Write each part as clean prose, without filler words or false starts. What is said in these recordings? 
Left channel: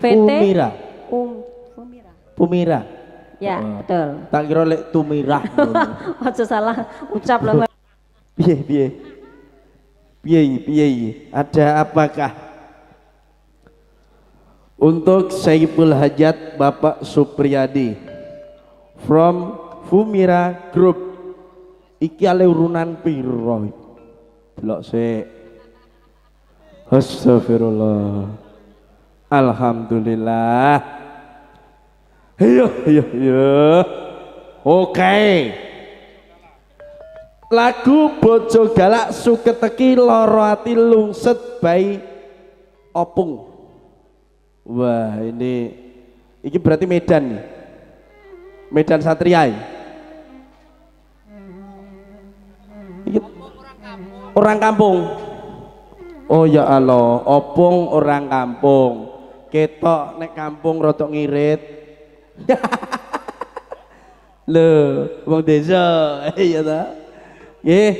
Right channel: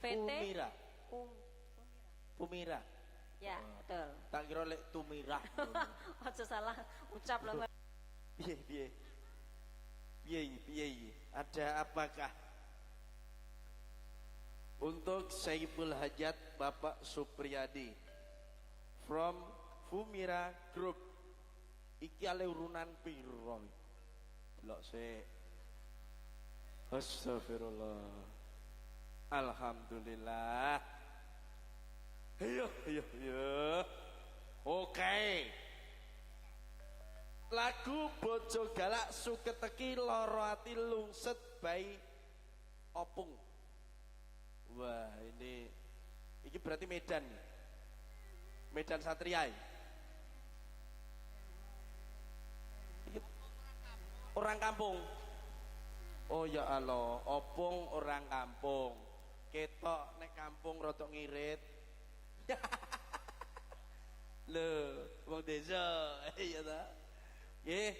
Pumira. Pumira. Pumira. Ya, betul. Tak kira lek Tumirah. Aja salah ucap loh. Piye piye. Piye. Ada apakah? Untuk Saiful Hajat Bapak Supriyadi from Fumira Group. Iki ale urunan piro? Delok sik. Astagfirullah. Alhamdulillah. Iya. Oke. Lagu Bojo Galak Suketeki Loro Ati Lungset by Opung. Wah, ini berarti Medan nih. Medan Satria. Ini orang kampung. Oh ya Allah, Opung orang kampung. Ketok nek kampung rotok ngirit. Loh, wong desa. Iya ta? Nggih.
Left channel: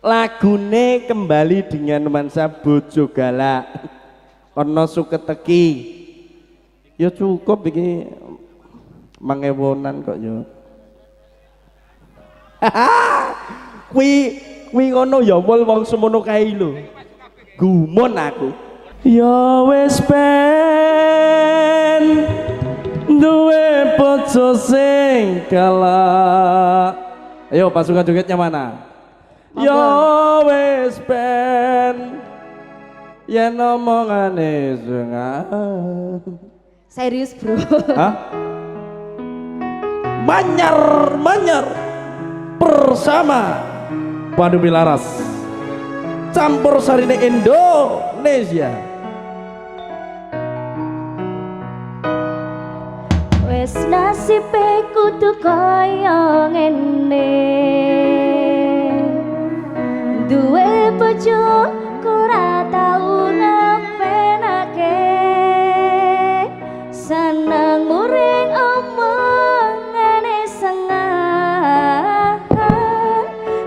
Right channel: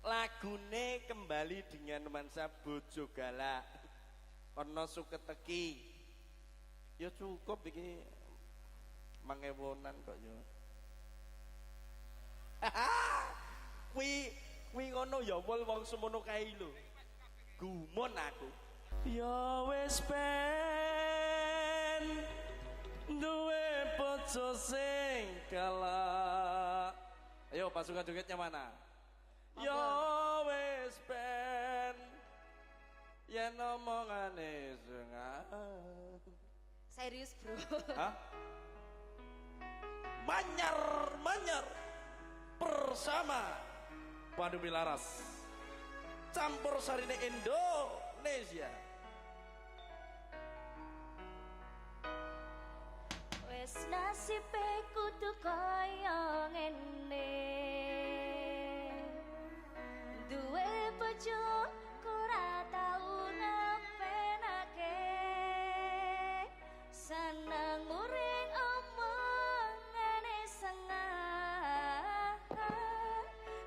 Lagune kembali dengan nuansa Bojo Galak. Ana Suketeki. Ya cukup iki mangewonan kok ya. Kuwi ngono ya wol wong semono kae lho. Gumun aku. Ya wis ben duwe bojo sing galak. Ayo pasukan jogetnya mana? Ya wis ben yen omongane sengat. Serius bro. Hah? Manyar bersama Pandu Milaras campur sarine Indonesia. Wes nasibe kudu kaya ngene, duwe bojo ora tau ngepenake, seneng muring omongane sengah,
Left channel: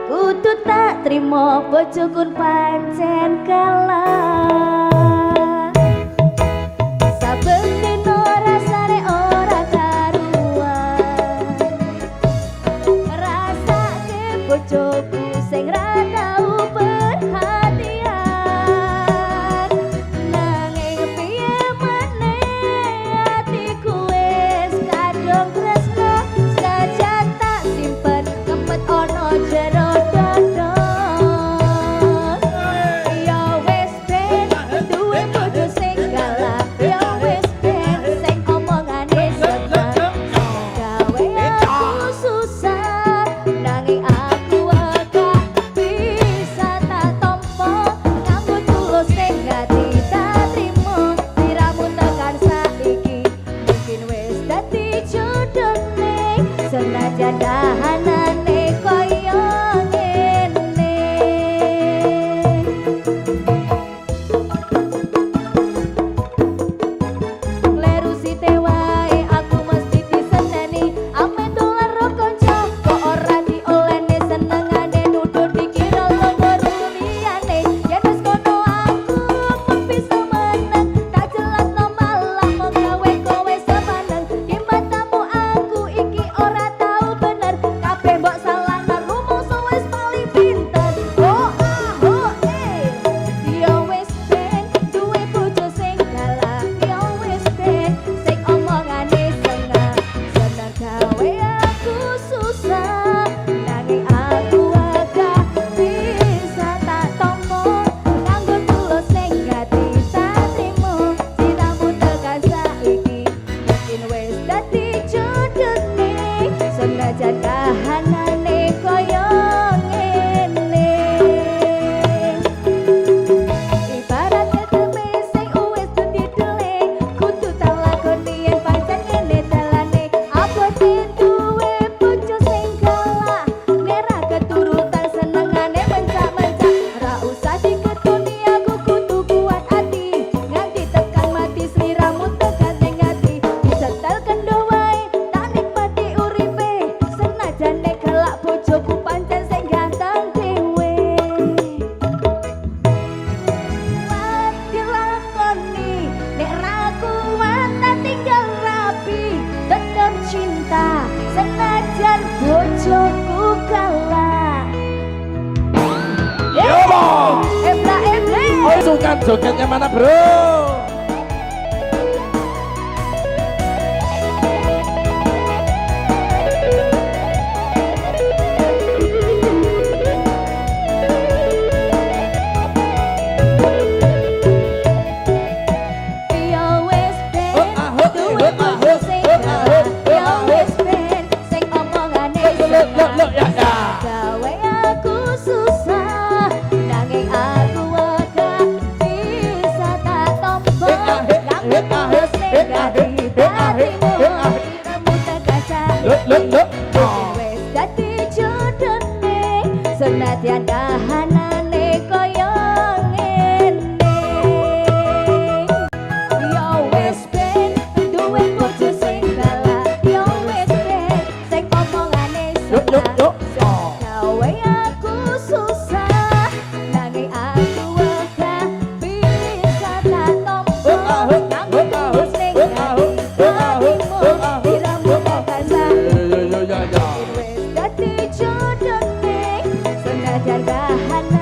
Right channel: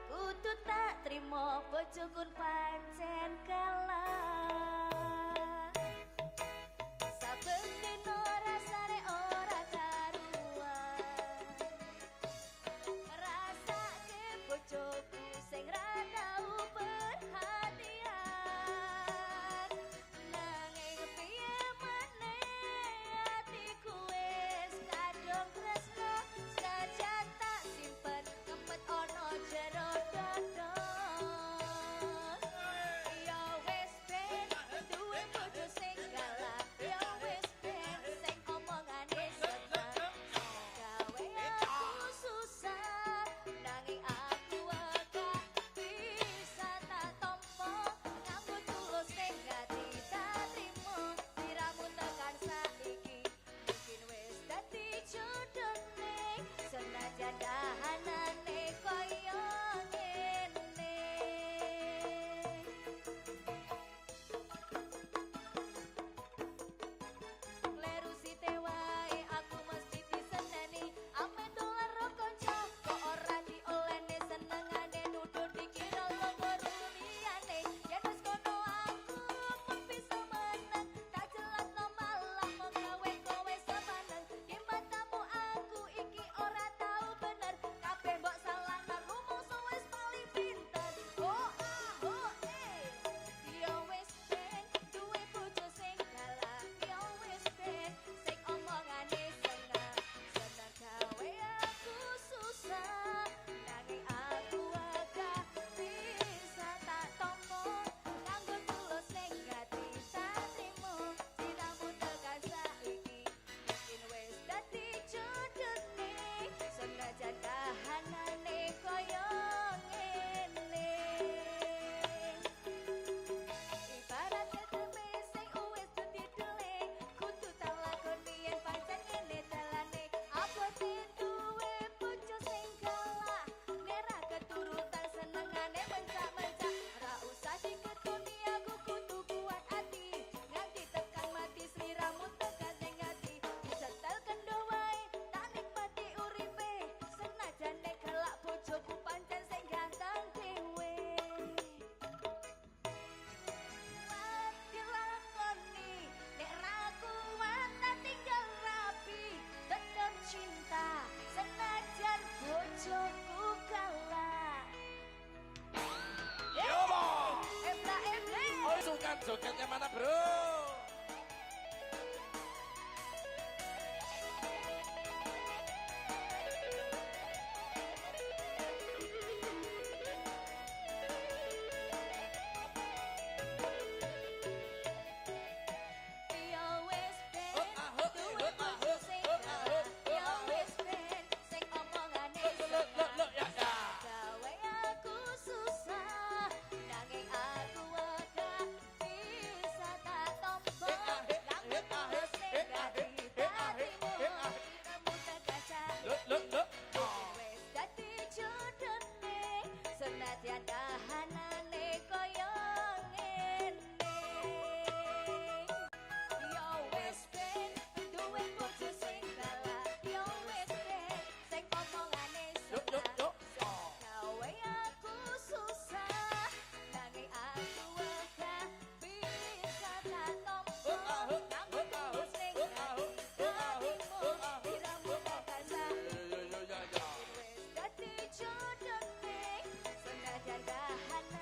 kudu tak trimo bojokun pancen kalah. Bojoku sing ra tau perhatian, nanging piye meneh atiku wis kadung tresno, senajan tak simpen ngempet ana jero dada. jogetnya mana bro? Yo wis ben duwe bojo sing galak. Yo wis ben sing omongane Loh, ya, ya. gawe aku susah nanging aku gak bisa tak tompo rambut mulus ning dadi hatimu diramu terkaca wis dadi jodone senadyan kahanane koyo ngene yo wis ben duwe bojo sing galak yo wis ben sing omongane Yuk. gawe aku susah nanging aku gak bisa tak tompo rambut mulus ning dadi hatimu diramu terkaca Yo. wis dadi jodone senadyan kahanane